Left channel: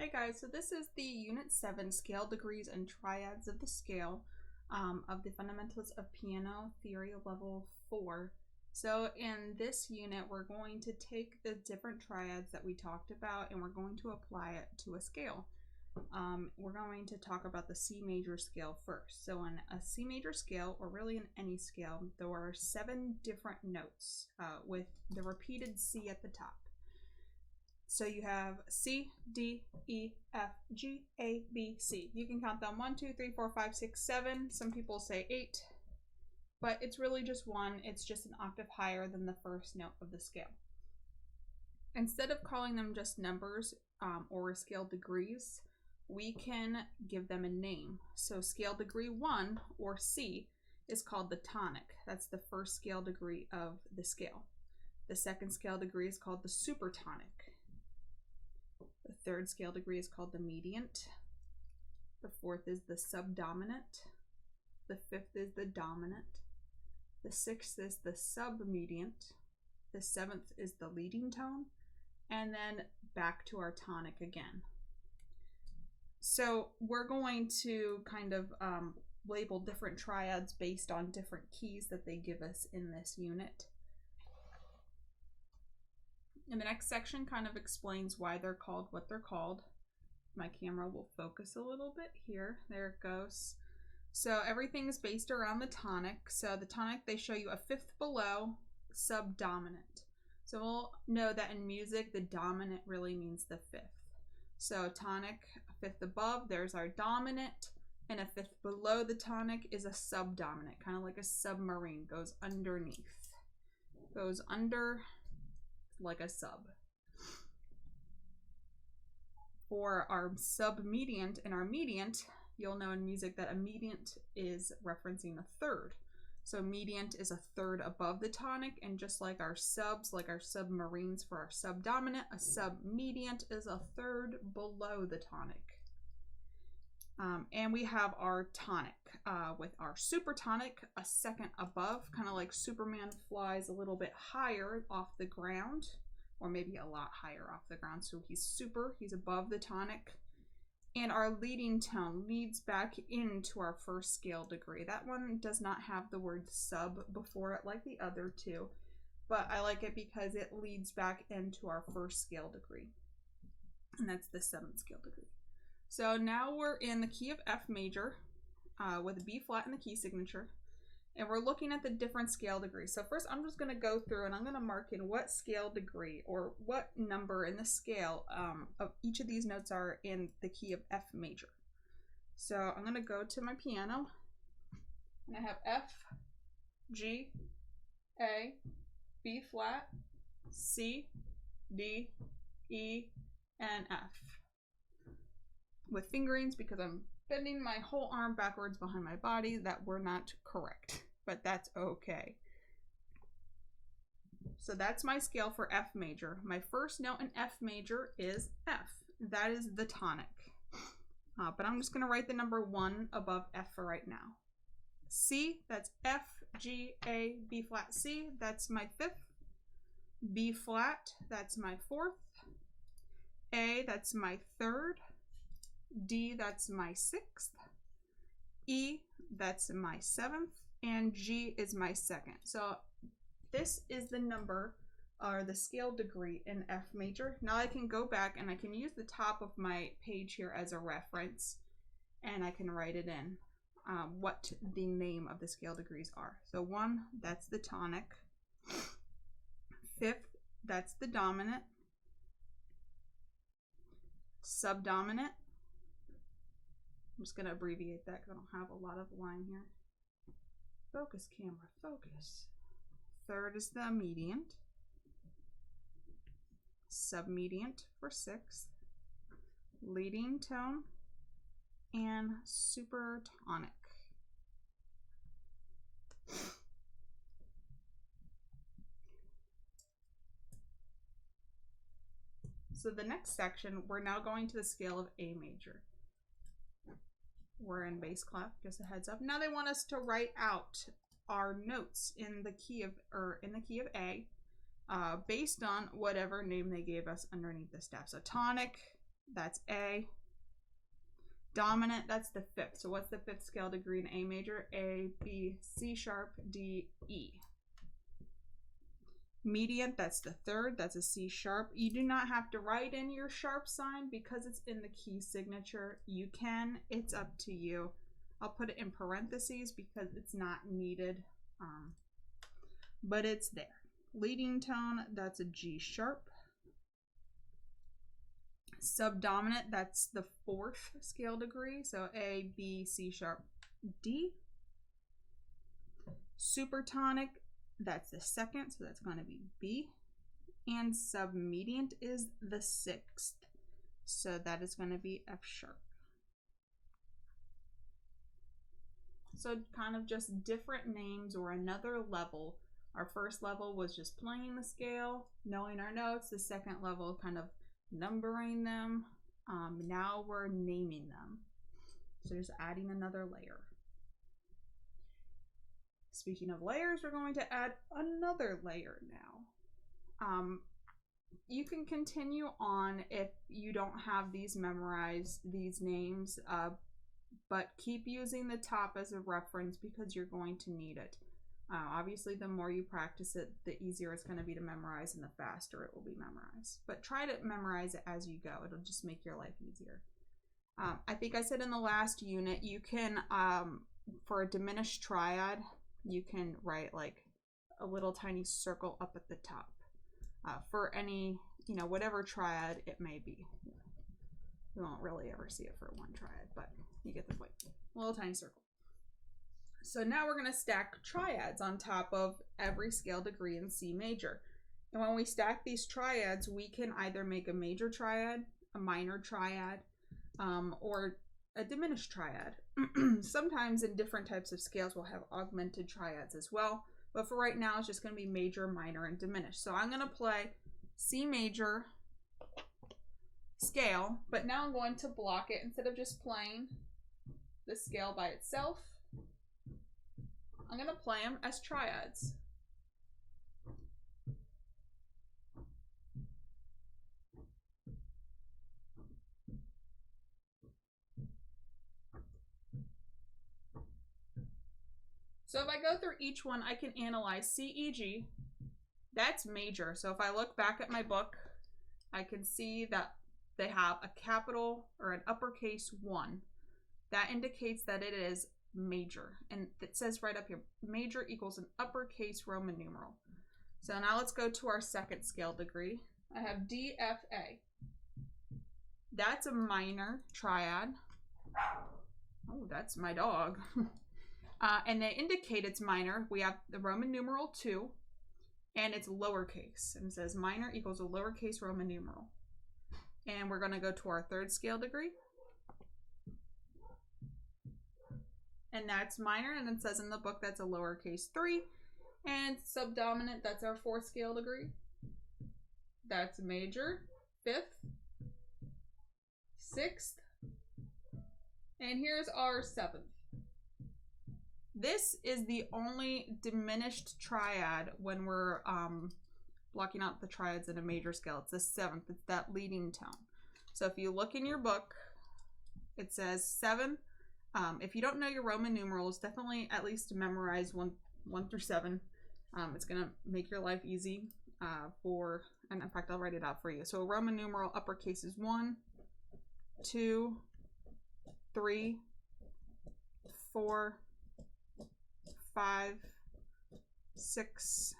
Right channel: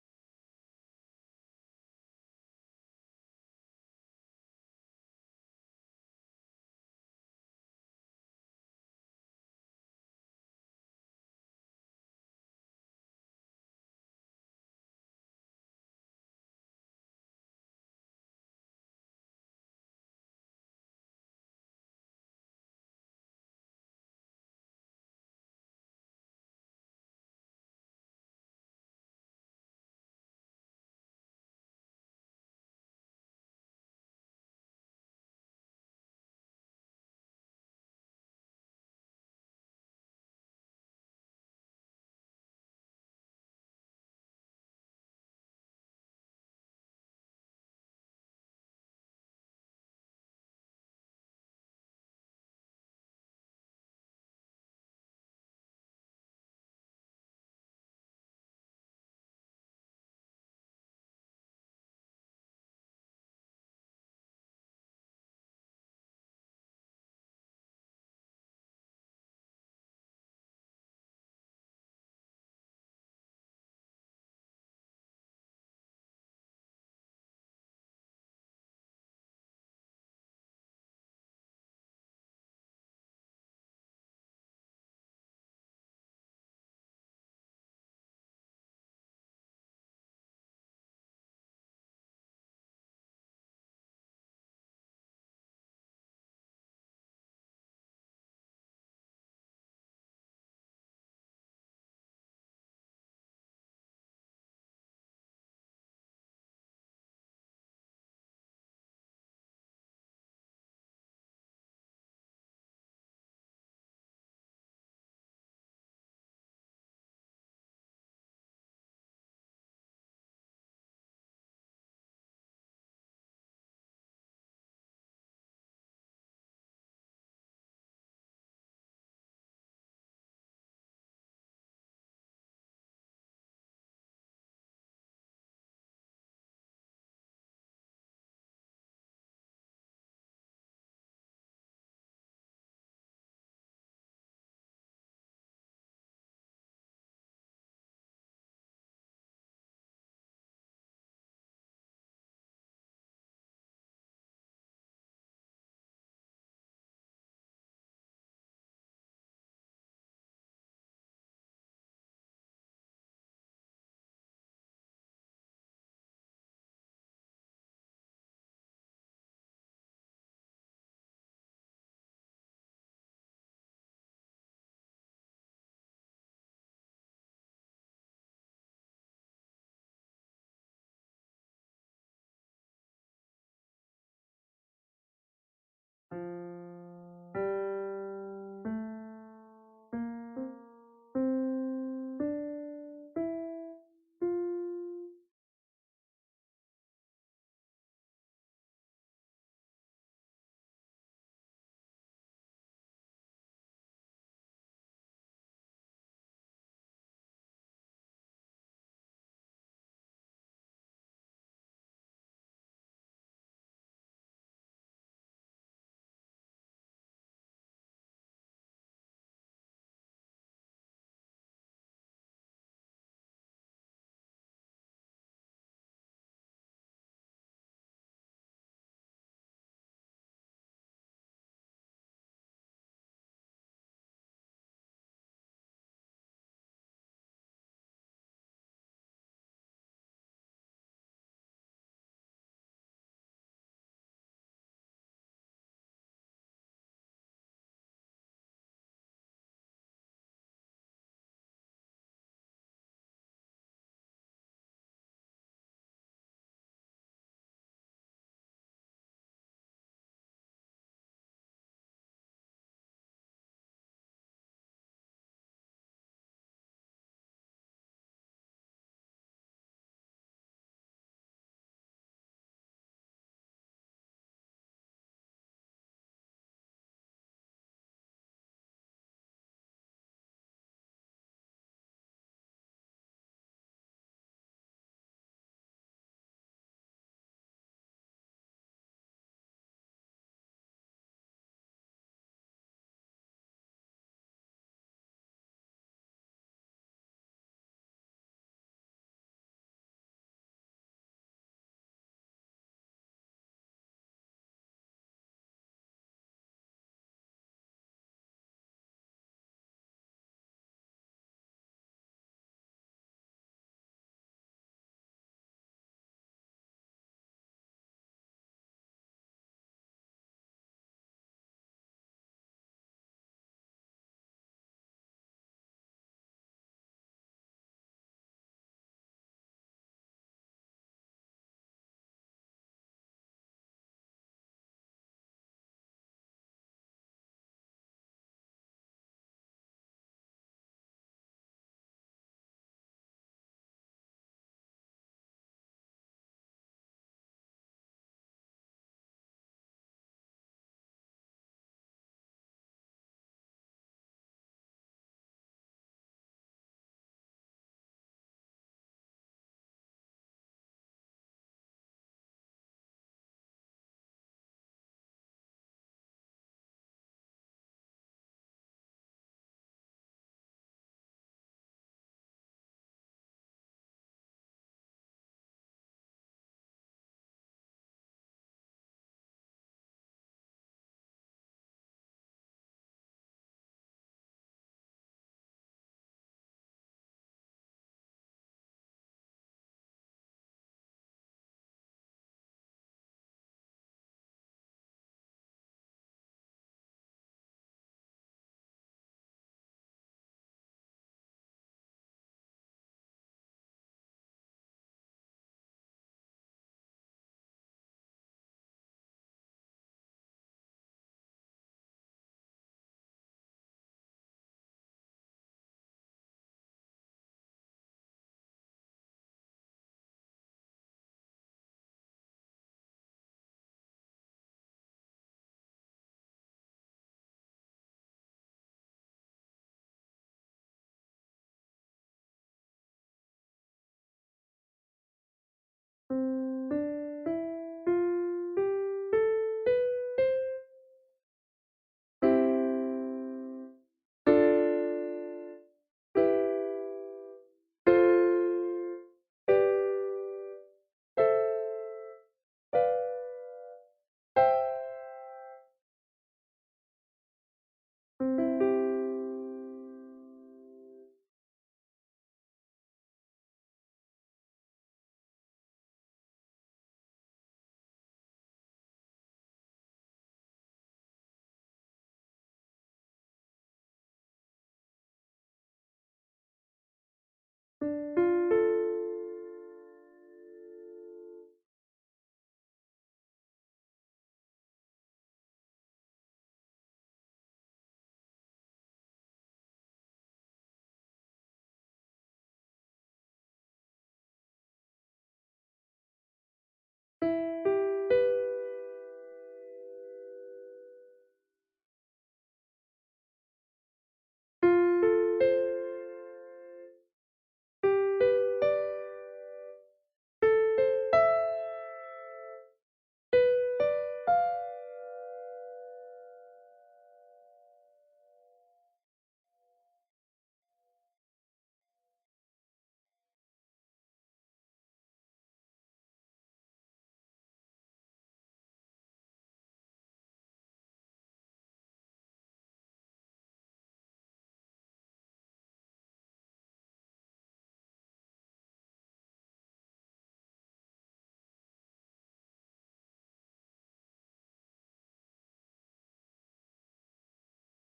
Hey guys, so this is the Unit 7 Scale Degrees and Triads of the Scale of the Fundamentals of Piano Theory Level 4. So in this unit, we're going to take the different triads that we talked about and we're going to apply it to a scale. We're going to talk about the C major scale first. So in a C major scale, or really in any scale, there are 7 different notes with the repeated C at the top. So you have C, D, E, F, G, A, B, C. You can count them 1, 2, 3, 4, 5, 6, 7. Some people say 8, but it's really just 1. It's just an octave higher than the first note of the scale. Instead of calling them just numbers or scale degrees, we can give them a name. So scale degree 1, or C, is called the tonic. That's the first scale degree of the scale. The second scale degree is called the supertonic. The third scale degree is called the mediant. The fourth is the subdominant. The fifth is the dominant. The sixth is the submediant. The seventh is the leading tone. And then back to our tonic again. So we're going to kind of label different triads based on different keys that they give us in this unit. And the next section kind of explains why they're called what they're called. My camera will focus a little bit here. There it goes. So everything is based around the tonic. So the tonic, they show you a fifth below, subdominant. So we'll know that in music, the dominant really means the fifth. So tonic, a fifth above, there's our dominant, and a fifth below the tonic is a subdominant, kind of like a submarine, goes underneath. Goes under like a sub. For our submediant and our mediant, you'll know in music that a mediant is referencing a third. So mediant is a third above the tonic, and just like our subs, like our submarines for our subdominant, a submediant is a third below the tonic. And we have our tonic with our supertonic, a second above, kind of like Superman flies a little bit higher off the ground, or maybe a lot higher off the ground. So he's above the tonic. And our leading tone leads back into our first scale degree. That one does not have the word sub before it like the other two, but I like it because it leads back into our first scale degree. And that's the 7th scale degree. So now we're in the key of F major with a B flat in the key signature. And we're looking at the different scale degrees. So first I'm just going to go through and I'm going to mark in what scale degree or what number in the scale of each of these notes are in the key of F major. So I'm going to go to my piano and I have F, G, A, B flat, C, D, E, and F. With fingerings because I'm bending my whole arm backwards behind my body that were not correct, but that's okay. So that's my scale for F major. My first note in F major is F. That is the tonic. But I'm just going to write the number 1 above F for right now. C, that's F, G, A, B flat, C. That's my 5th. B flat, that's my 4th. A, that's my 3rd. D, that's my 6th. E, that's my 7th. And G is my 2nd. So this is the number or the scale degree in F major. Now I can go back and I can use the top of my page here as a reference and I can write it in what the name of the scale degrees are. So 1, that's the tonic. 5th, that's the dominant. Subdominant. I'm just going to abbreviate that because I don't have a lot of line here. Focus, camera, focus. 3rd is the mediant. Submediant for 6th. Leading tone. And supertonic. So the next section, we're now going to the scale of A major. We're in bass clef, just a heads up. Now they want us to write out our notes in the key of A based on whatever name they gave us underneath the staff. So tonic, That's A. Dominant, that's the fifth. So what's the fifth scale degree in A major? A, B, C sharp, D, E. Mediant, that's the third. That's a C sharp. You do not have to write in your sharp sign because it's in the key signature. You can. It's up to you. I'll put it in parentheses because it's not needed, but it's there. Leading tone, that's a G sharp. Subdominant, that's the fourth scale degree. So A, B, C sharp, D. Supertonic, that's the second, so that's going to be B. And submediant is the sixth, so that is going to be F sharp. So kind of just different names or another level. Our first level was just playing the scale, knowing our notes. The second level, kind of numbering them. Now we're naming them. So just adding another layer. Speaking of layers, we're going to add another layer now. You can continue on if you don't have these memorized, these names, but keep using the top as a reference because you're going to need it. Obviously, the more you practice it, the easier it's going to be to memorize and the faster it will be memorized. But try to memorize it as you go. It'll just make your life easier. I think I said in the last unit, you can, for a diminished triad, you can write like a little tiny circle up at the top for any, whatever triad it may be. You won't really ever see it for one triad, but you get the point. A little tiny circle. So now we're going to stack triads on top of every scale degree in C major. And when we stack these triads, we can either make a major triad, a minor triad, or a diminished triad. Sometimes in different types of scales, we'll have augmented triads as well. But for right now, it's just going to be major, minor, and diminished. So I'm going to play C major scale, but now I'm going to block it. Instead of just playing the scale by itself, I'm going to play them as triads. So if I go through each one, I can analyze C, E, G. That's major. So if I look back at my book, I can see that they have a capital or an uppercase 1. That indicates that it is major. And it says right up here, major equals an uppercase Roman numeral. So now let's go to our second scale degree. I have D, F, A. That's a minor triad. Oh, that's my dog. And they indicate it's minor. We have the Roman numeral 2, and it's lowercase. And it says minor equals a lowercase Roman numeral. And we're going to go to our third scale degree. And that's minor, and it says in the book that's a lowercase 3. And subdominant, that's our fourth scale degree. That's major, 5th, 6th, and here's our 7th. This is the only diminished triad when we're blocking out the triads in a major scale. It's the 7th. It's that leading tone. So if you look in your book, it says 7. If you don't know your Roman numerals, definitely at least memorize 1 through 7. It's going to make your life easy and in fact, I'll write it out for you. So a Roman numeral uppercase is 1, 2, 3, 4, 5, 6,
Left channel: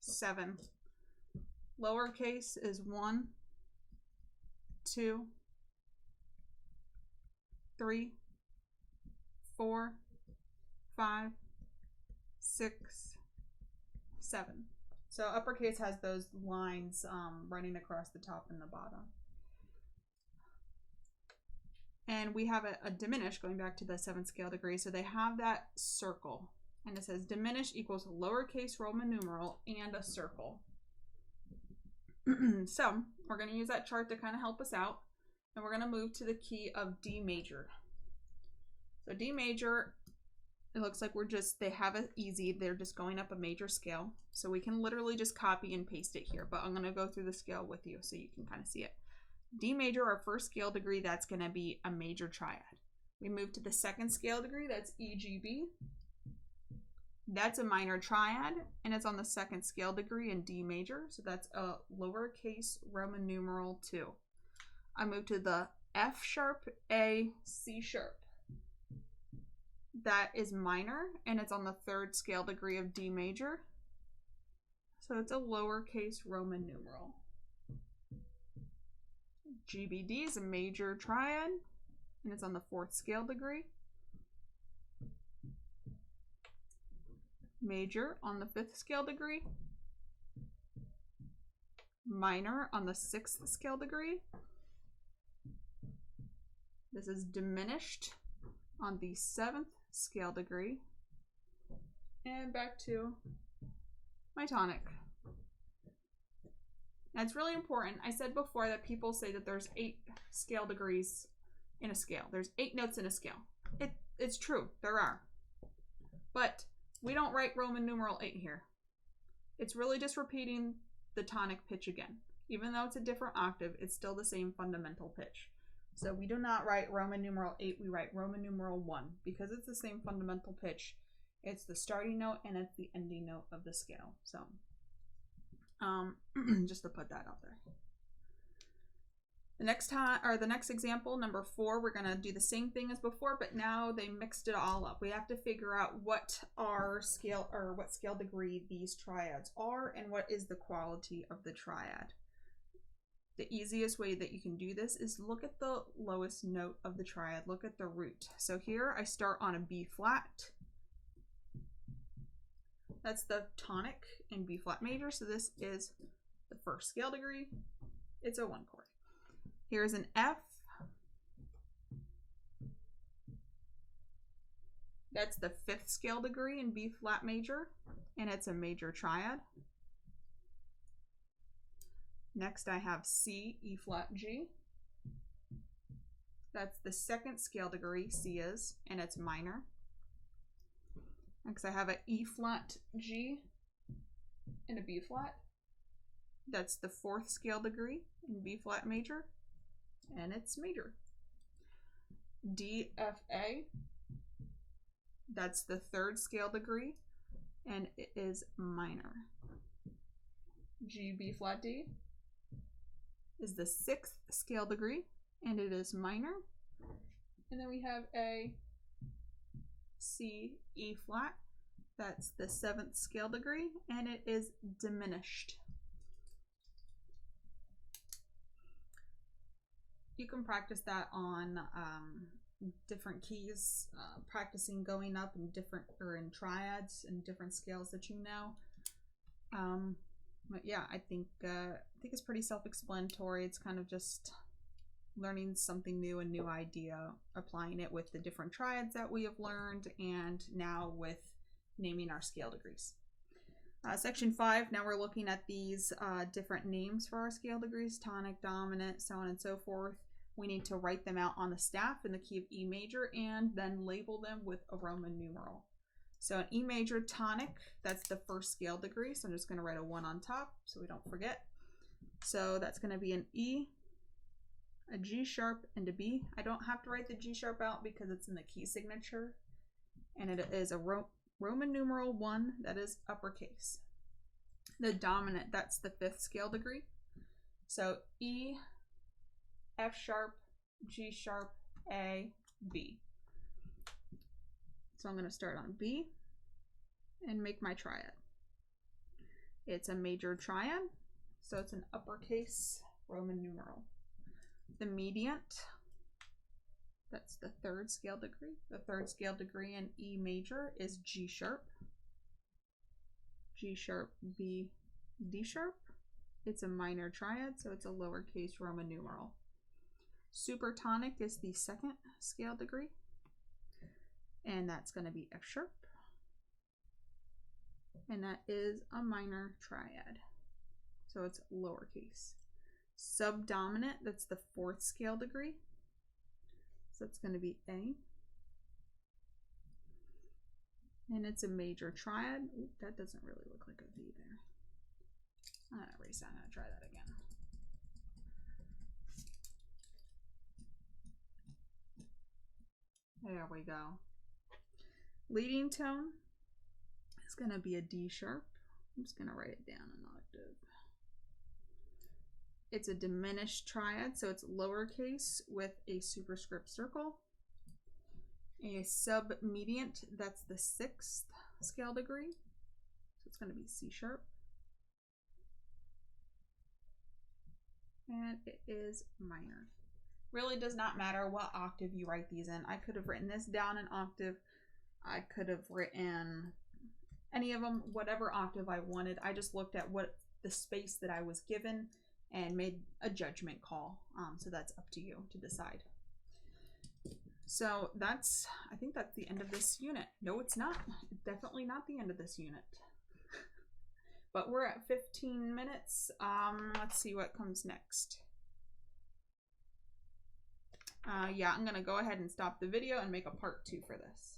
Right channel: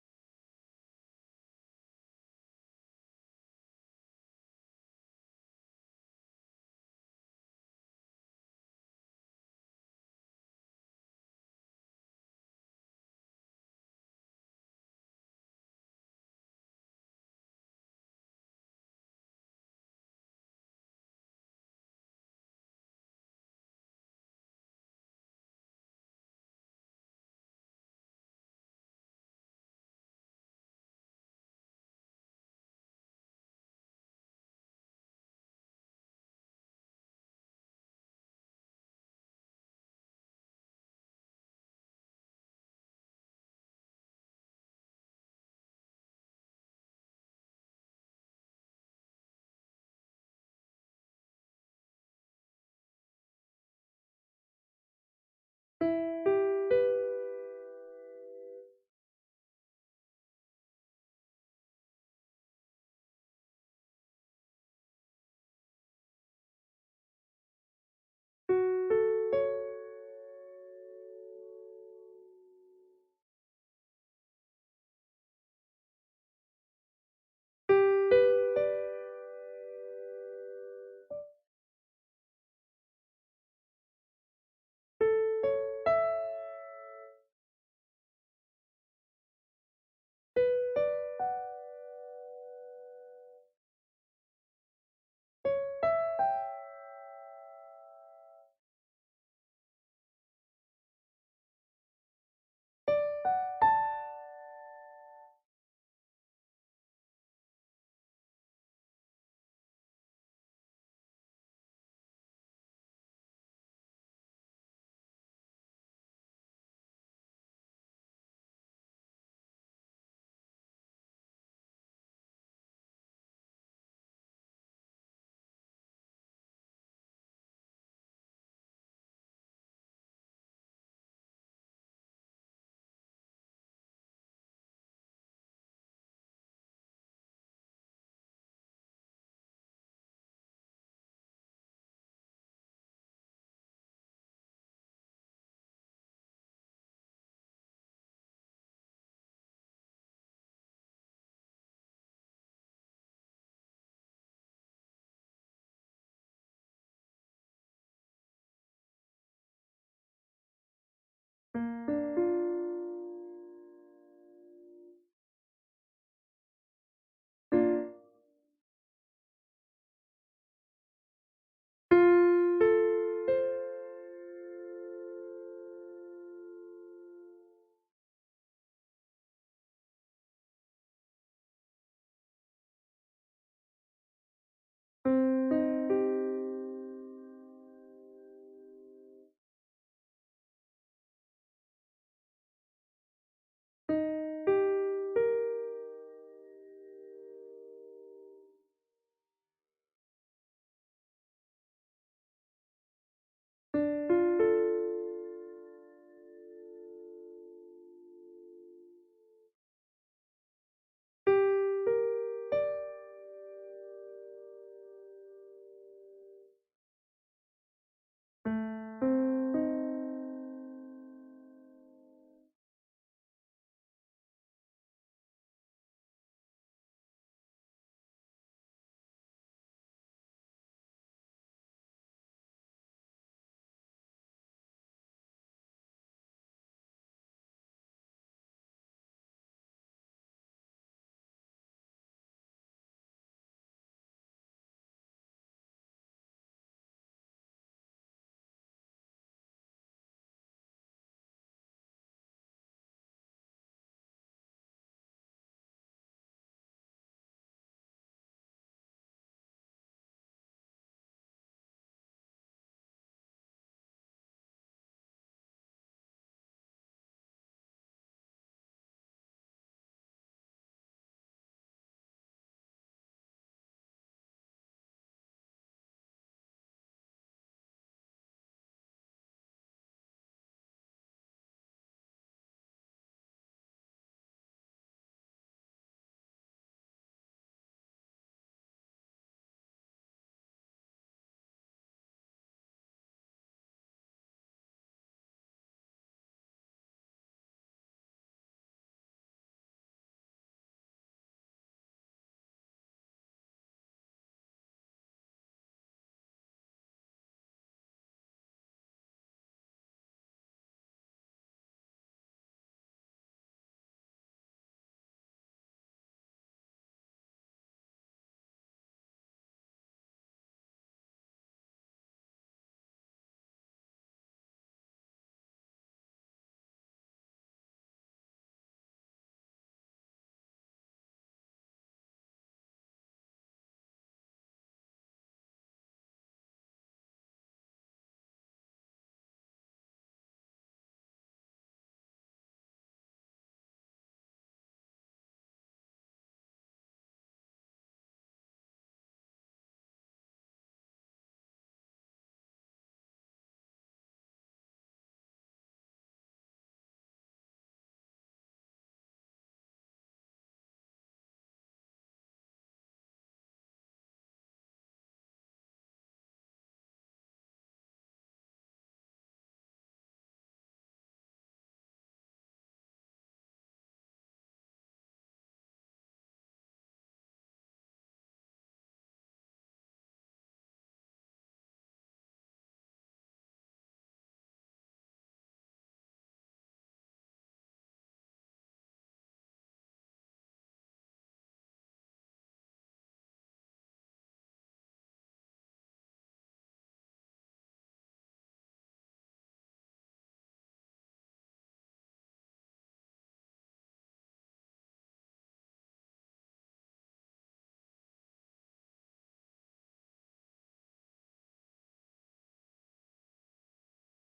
7. Lowercase is 1, 2, 3, 4, 5, 6, 7. So uppercase has those lines running across the top and the bottom. And we have a diminished, going back to the 7th scale degree. So they have that circle. And it says diminished equals lowercase Roman numeral and a circle. So we're going to use that chart to kind of help us out. And we're going to move to the key of D major. So D major, it looks like they have it easy. They're just going up a major scale. So we can literally just copy and paste it here. But I'm going to go through the scale with you so you can kind of see it. D major, our first scale degree, that's going to be a major triad. We move to the second scale degree, that's EGB. That's a minor triad, and it's on the second scale degree in D major, so that's a lowercase Roman numeral 2. I move to the F sharp, A, C sharp. That is minor, and it's on the third scale degree of D major, so it's a lowercase Roman numeral. GBD is a major triad, and it's on the fourth scale degree. Major on the fifth scale degree. Minor on the sixth scale degree. This is diminished on the seventh scale degree. And back to my tonic. Now it's really important. I said before that people say that there's 8 scale degrees in a scale. There's 8 notes in a scale. It's true, there are. But we don't write Roman numeral 8 here. It's really just repeating the tonic pitch again. Even though it's a different octave, it's still the same fundamental pitch. So we do not write Roman numeral 8, we write Roman numeral 1 because it's the same fundamental pitch. It's the starting note and it's the ending note of the scale. So just to put that out there. The next example, number 4, we're gonna do the same thing as before, but now they mixed it all up. We have to figure out what scale degree these triads are and what is the quality of the triad. The easiest way that you can do this is look at the lowest note of the triad. Look at the root. So here I start on a B flat. That's the tonic in B flat major. So this is the first scale degree. It's a 1 chord. Here's an F. That's the 5th scale degree in B flat major, and it's a major triad. Next I have C, E flat, G. That's the 2nd scale degree, C is, and it's minor. Next I have an E flat, G, and a B flat. That's the 4th scale degree in B flat major, and it's major. D, F, A. That's the 3rd scale degree, and it is minor. G, B flat, D is the 6th scale degree, and it is minor. And then we have A, C, E flat. That's the 7th scale degree, and it is diminished. You can practice that on different keys, practicing going up in in triads and different scales that you know. But yeah, I think it's pretty self-explanatory. It's kind of just learning something new, a new idea, applying it with the different triads that we have learned, and now with naming our scale degrees. Section 5, now we're looking at these different names for our scale degrees, tonic, dominant, so on and so forth. We need to write them out on the staff in the key of E major and then label them with a Roman numeral. So an E major tonic, that's the 1st scale degree, so I'm just going to write a 1 on top so we don't forget. So that's going to be an E, a G sharp, and a B. I don't have to write the G sharp out because it's in the key signature, and it is a Roman numeral 1, that is uppercase. The dominant, that's the 5th scale degree. So E, F sharp, G sharp, A, B. So I'm going to start on B and make my triad. It's a major triad, so it's an uppercase Roman numeral. The mediant, that's the 3rd scale degree. The 3rd scale degree in E major is G sharp. G sharp, B, D sharp. It's a minor triad, so it's a lowercase Roman numeral. Supertonic is the 2nd scale degree, and that's going to be F sharp, and that is a minor triad, so it's lowercase. Subdominant, that's the 4th scale degree, so it's going to be A, and it's a major triad. Ooh, that doesn't really look like a V there. I'm going to erase that. I'm going to try that again. There we go. Leading tone is going to be a D sharp. I'm just going to write it down an octave. It's a diminished triad, so it's lowercase with a superscript circle. A submediant, that's the 6th scale degree. So it's going to be C sharp. And it is minor. Really does not matter what octave you write these in. I could have written this down an octave. I could have written any of them, whatever octave I wanted. I just looked at what the space that I was given and made a judgment call. So that's up to you to decide. So I think that's the end of this unit. No, it's not. Definitely not the end of this unit. But we're at 15 minutes. Let's see what comes next. Yeah, I'm gonna go ahead and stop the video and make a part 2 for this.